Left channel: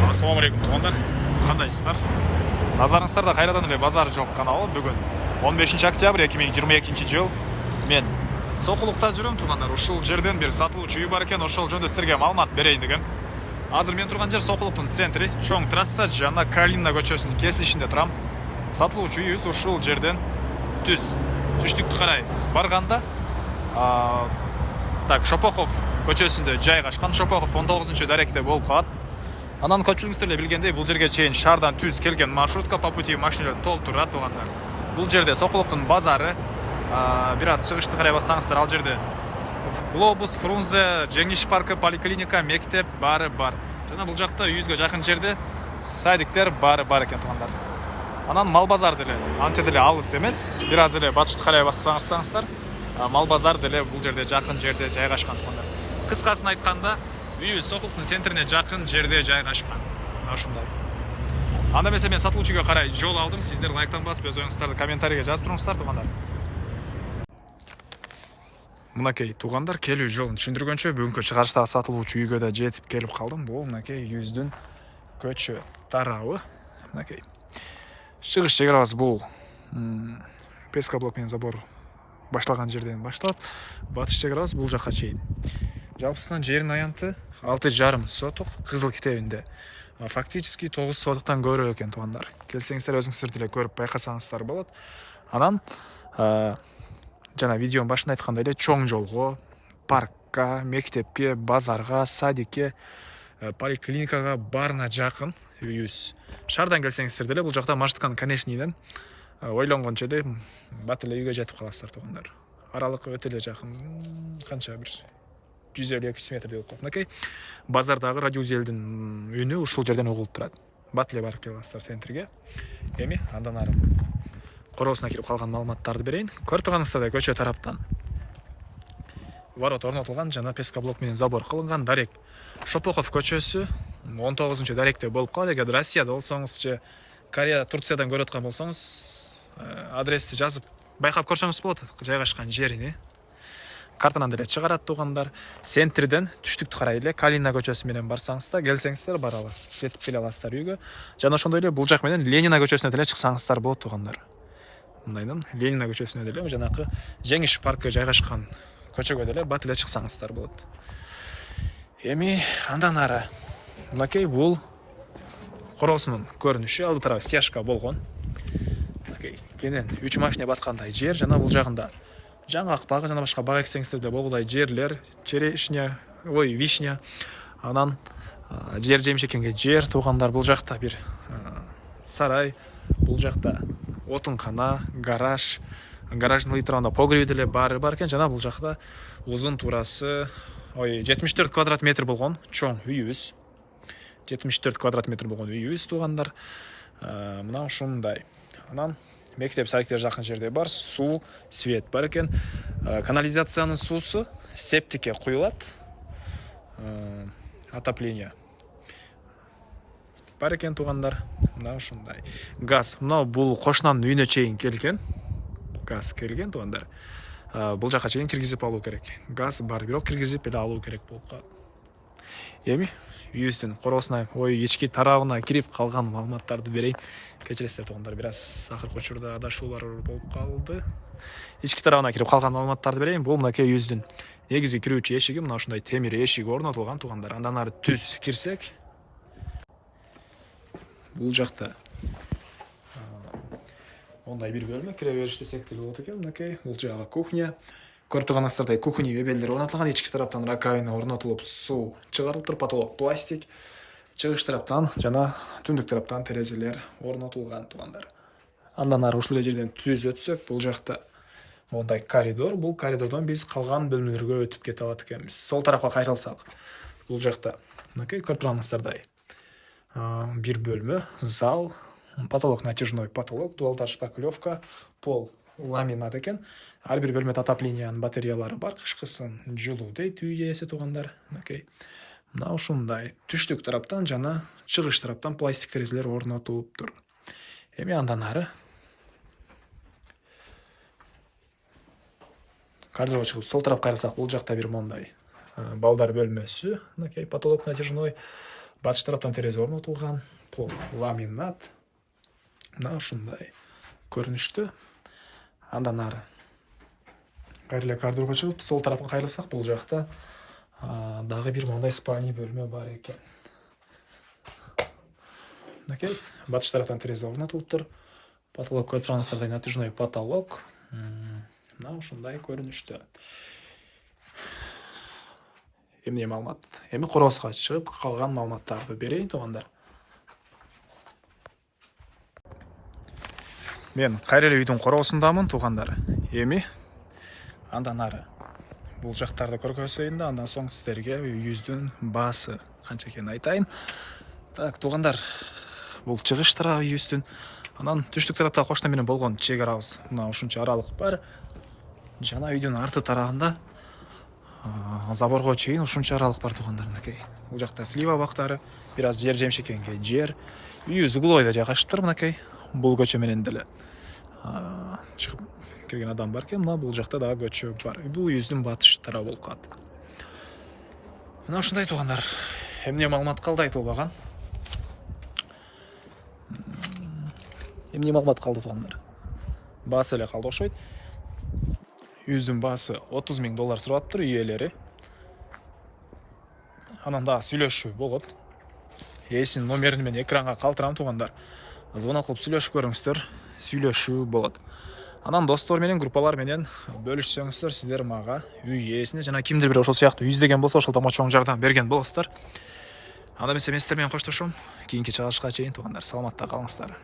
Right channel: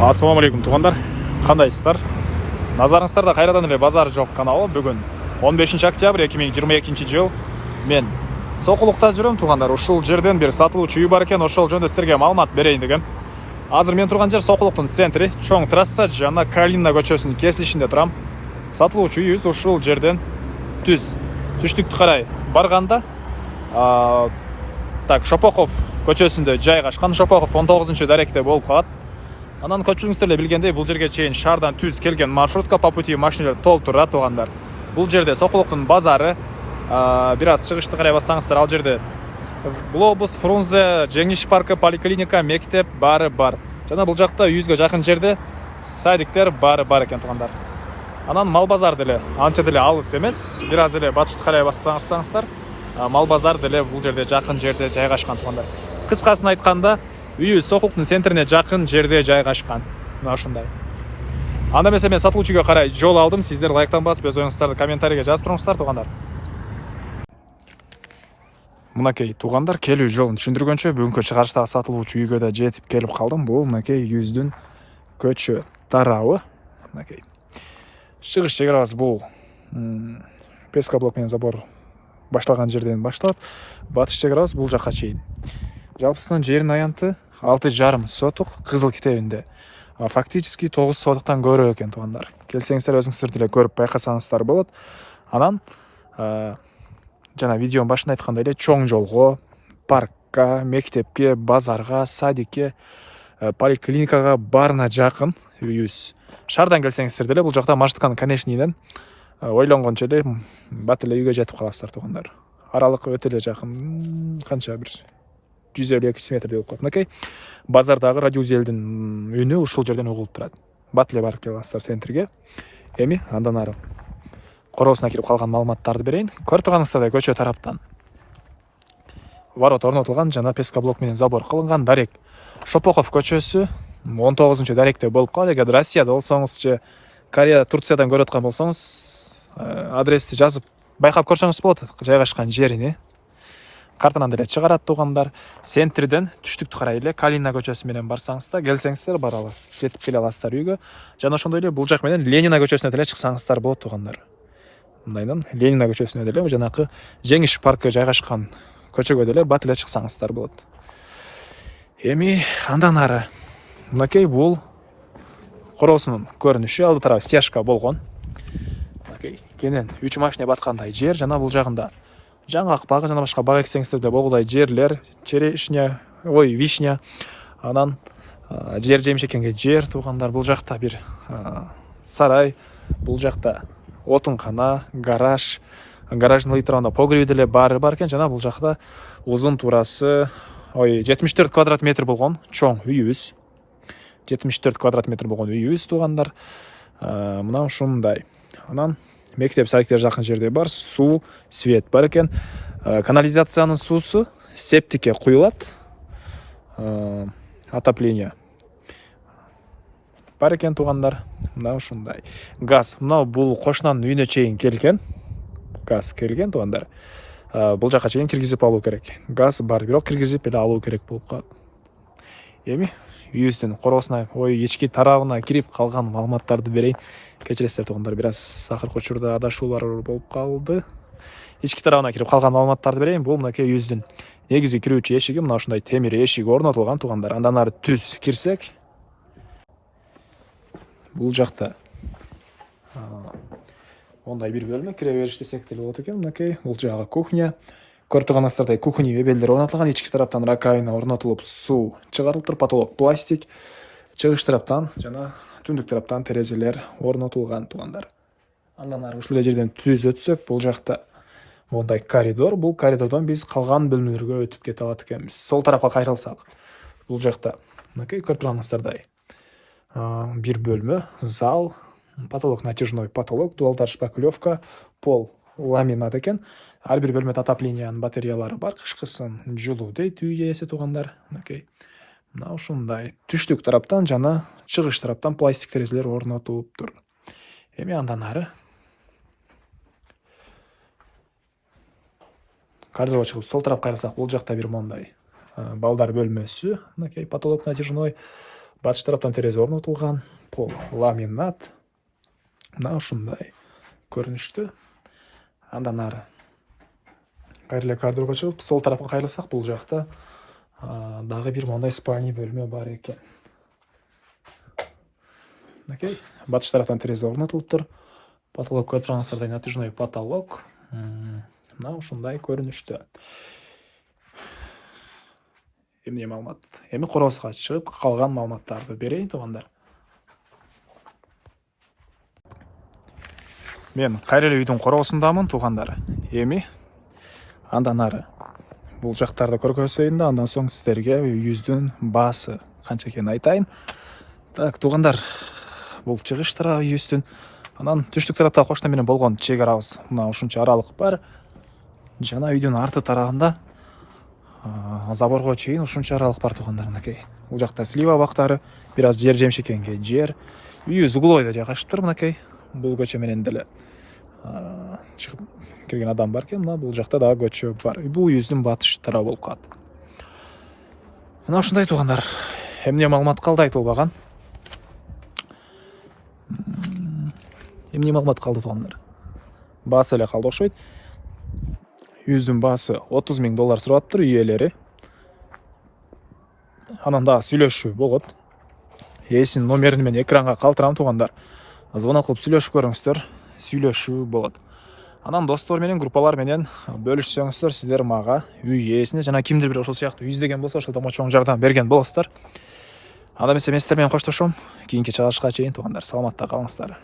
Ассалаумағалейкум туғандар, қандайсыздар? Назарыңыздарда қайрадан эле базар жоқ каналы. Бүгін 15 октябрь 2022 жыл. Мен Соқұлықта жүрем туғандар. Ушул жерден бир сатылуучу үй бар экен, ошол жөнүндө сиздерге маалымат берейин деген. Азыр мен турган жер Соқұлықтын центри, чоң трасса жана Калина көчөсүнүн кесилишинде турам. Сатылуучу үйүбүз ушул жерден түштүктү карай барганда, Шопохов көчөсүндө жайгашкан. Шопохов 19 даректе болуп калат. Анан көпчүлүгүңүздөр эле билгендей, бул жерге чейин шаардан түз келген маршрутка по пути машиналар толтура тугандар. Бул жерде Соқұлықтын базары, бир аз чыгышты карай бассаңыздар, ал жерде Глобус, Фрунзе, Жеңиш паркы, поликлиника, мектеп баары бар. Жана бул жакта 100га жакын жерде садиктер баары бар экен тугандар. Анан мал базар деле анча деле алыс эмес, бир аз эле батышты карай бассаңыздар, мал базар деле бул жерде жакын жерде жайгашкан тугандар. Кыскасын айтканда, үйүбүз Соқұлықтын центрине жакын жерде жайгашкан. Мына ушундай. Анда эмесе мен сатылуучуга карай жол алдым. Сиздер лайктан басып, өз оюңуздарды комментарийге жазып туруңуздар тугандар. Мынакей тугандар, келүү жолун түшүндүргөнчө бүгүнкү чыгарыштагы сатылуучу үйгө да жетип келип калдым. Бул мынакей үйүбүздүн көчө тарабы. Мынакей. Чыгыш чек арабыз бул пескоблок менен забор башталган жерден башталат. Батыш чек арабыз бул жакка чейин. Жалпысынан жердин аянты 6,5 сотук, кызыл китебинде. Фактически 9 сотуктан көрө экен тугандар. Келсеңиздер өзүңүздөр деле көрүп байкасаңыздар болот. Анан жана видеонун башында айткандай эле чоң жолго, паркка, мектепке, базарга, садикке, поликлиникага баарына жакын үйүбүз. Шаардан келсеңиздер деле бул жакта маршрутканын конечныйден ойлонгончо эле бат эле үйгө жетип каласыздар тугандар. Аралык өтө эле жакын, канча бир 150-200 метрдей болуп калат. Мынакей базардагы радиоузелдин үнү ушул жерден угулуп турат. Бат эле барып келасыздар центрге. Эми андан ары короосуна кирип калган маалыматтарды берейин. Көрүп турганыңыздардай көчө тараптан ворот орнотулган жана пескоблок менен забор кылынган. Дарек Шопохов көчөсү 19 даректе болуп калат. Эгер Россияда болсоңуз же Корея, Турциядан көрүп аткан болсоңуз, адрести жазып байкап көрсөңүз болот жайгашкан жерини. Картанан деле чыгарат тугандар. Центрден түштүктү карай эле Калина көчөсү менен барсаңыздар, келсеңиздер бара аласыз, жетип келе аласыздар үйгө. Жана ошондой эле бул жак менен Ленина көчөсүнө деле чыксаңыздар болот тугандар. Мындайдан Ленина көчөсүнө деле жанакы Жеңиш паркы жайгашкан көчөгө деле бат эле чыксаңыздар болот. Эми андан ары мынакей бул короосунун көрүнүшү, алды тарабы стяжка болгон. Мынакей кенен 3 машина баткандай жер, жана бул жагында жаңгак багы жана башка бак эксеңиздер де болгудай жерлер, черешня, вишня, анан жер жемишекенге жер тугандар. Бул жакта бир сарай, бул жакта отункана, гараж, гараждын ыйтырабында погреби деле баары бар экен. Жана бул жакта узун туурасы 74 квадрат метр болгон чоң үйүбүз. 74 квадрат метр болгон үйүбүз тугандар. Мына ушундай. Анан мектеп садиктер жакын жерде бар, суу, свет бар экен. Канализациянын суусу септикке куюлат. Отопление бар экен тугандар. Мына ушундай. Газ, мына бул кошунанын үйүнө чейин келген. Газ келген тугандар. Бул жака чейин киргизип алуу керек. Газ бар, бирок киргизип эле алуу керек болуп калат. Эми үйүбүздүн короосуна, ички тарабына кирип калган маалыматтарды берейин. Кечиресиздер тугандар, бир аз акыркы учурда адашуулар болуп калды. Ички тарабына кирип калган маалыматтарды берейин. Бул мынакей үйүбүздүн негизи кирүүчү эшиги, мына ушундай темир эшик орнотулган тугандар. Андан ары түз кирсек, бул жакта ондай бир бөлмө, кире бериш десек деле болот экен. Мынакей бул жагы кухня. Көрүп турганыңыздардай кухня мебелдер орнотулган, ички тараптан раковина орнотулуп, суу чыгарылып туруп, потолок пластик. Чыгыш тараптан жана түндүк тараптан терезелер орнотулган тугандар. Андан ары ушул жерден түз өтсөк, бул жакта мондай коридор. Бул коридордон биз калган бөлмөлөргө өтүп кете алат экенбиз. Сол тарапка кайрылсак, бул жакта мынакей көрүп турганыңыздардай бир бөлмө, зал, потолок натяжной потолок, дуалдар шпаклевка, пол ламинат экен. Ар бир бөлмөдө отоплениянын батареялары бар, кышкысын жылуу дейт үй ээси тугандар. Мынакей мына ушундай түштүк тараптан жана чыгыш тараптан пластик терезелер орнотулуптур. Эми андан ары коридорго чыгып сол тарапка кайрылсак, бул жакта бир мондай балдар бөлмөсү, мынакей потолок натяжной, Батыш тараптан терезе орнотулган, пол ламинат. Мына ушундай көрүнүштү. Андан ары кайрыле коридорго чыгып, сол тарапка кайрылсак, бул жакта дагы бир мындай спальный бөлмө бар экен. Окей, батыш тараптан терезе орнотулуптур. Потолок көрүп тургансыздардай натяжной потолок. Мына ушундай көрүнүштү. Эмне маалымат? Эми короско чыгып, калган маалыматтарды берейин, туугандар. Мен кайра эле үйдүн коросундамын, туугандар. Эми андан ары бул жактарды көргөзөйүн да, андан соң сиздерге үйүбүздүн баасы канча экенин айтайын. Так, туугандар, бул чыгыш тарабы үйүбүздүн. Анан түштүк тарапта кошуна менен болгон чек арабыз. Мына ушунча аралык бар. Жана үйдүн арты тарабында заборго чейин ушунча аралык бар, туугандар. Мынакей. Бул жакта слива бактары, бир аз жер жемшекенге жер. Үйүбүз углойдо жайгашыптыр, мынакей. Бул көчө менен деле чыгып кирген адам бар экен. Мына бул жакта дагы көчө бар. Бул үйүбүздүн батыш тарабы болуп калат. Мына ушундай, туугандар. Эмне маалымат калды айтылбаган? Эмне маалымат калды, туугандар? Баасы эле калды окшойт. Үйүбүздүн баасы $30,000 сураттыр үй ээлери. Анан дагы сүйлөшүү болот. Ээсинин номерин мен экранга калтырам, туугандар. Звонок кылып сүйлөшүп көрүңүздөр. Сүйлөшүү болот. Анан достор менен, группалар менен бөлүшсөңүздөр, сиздер мага үй ээсине жана кимдир бир ошол сыяктуу үй издеген болсо, ошол томочоң жардам берген болосуздар. Анда эмесе мен сиздер менен коштошом. Кийинки чыгышка чейин, туугандар, саламатта калыңыздар.